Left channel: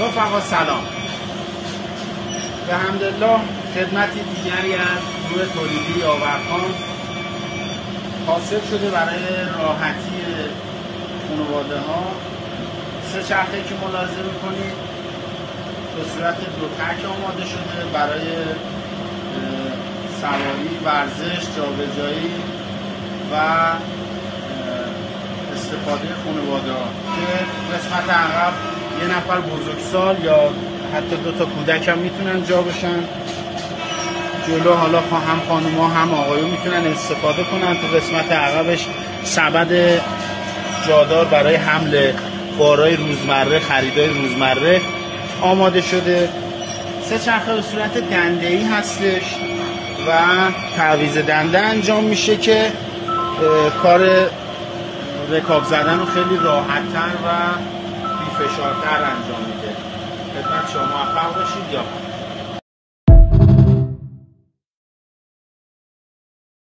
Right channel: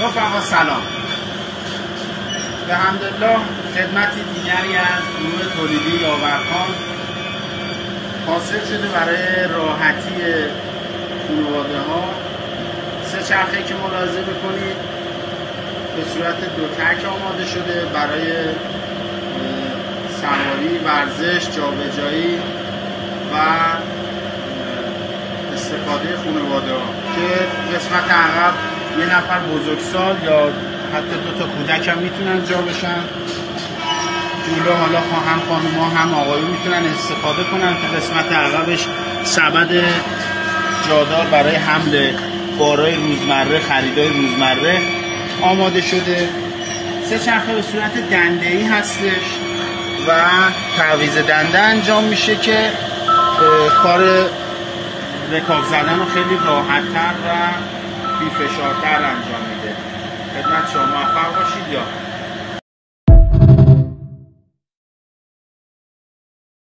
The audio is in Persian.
رفقا سلام. الحمدلله خدمتی دیگری از نیروی تولیدی یاورخان حاصل شده برای راحتی خانواده ها. سه چرخه که ملاحظه میکنید به صورت دو تک آماده شده برای سواری، ورزش، جابجایی و استفاده خانواده ها که قسمت عقب یه نفر بزرگسال یا حتی دو تا کودک هم میتونن جا بشن. جلو حالا هم خانوما هم آقایون میتونن استفاده کنن. تو قسمت عقبش سبد جادار برای حمل بارای روزمره، خریدای روزمره آماده شده. سه چرخه به صورت دنده‌ای هستش و تعویض دنده انجام میشه که کار رکاب زدن رو خیلی راحت‌تر و بی‌فشارتر انجام میده. خدمت شما موفق باشید. یا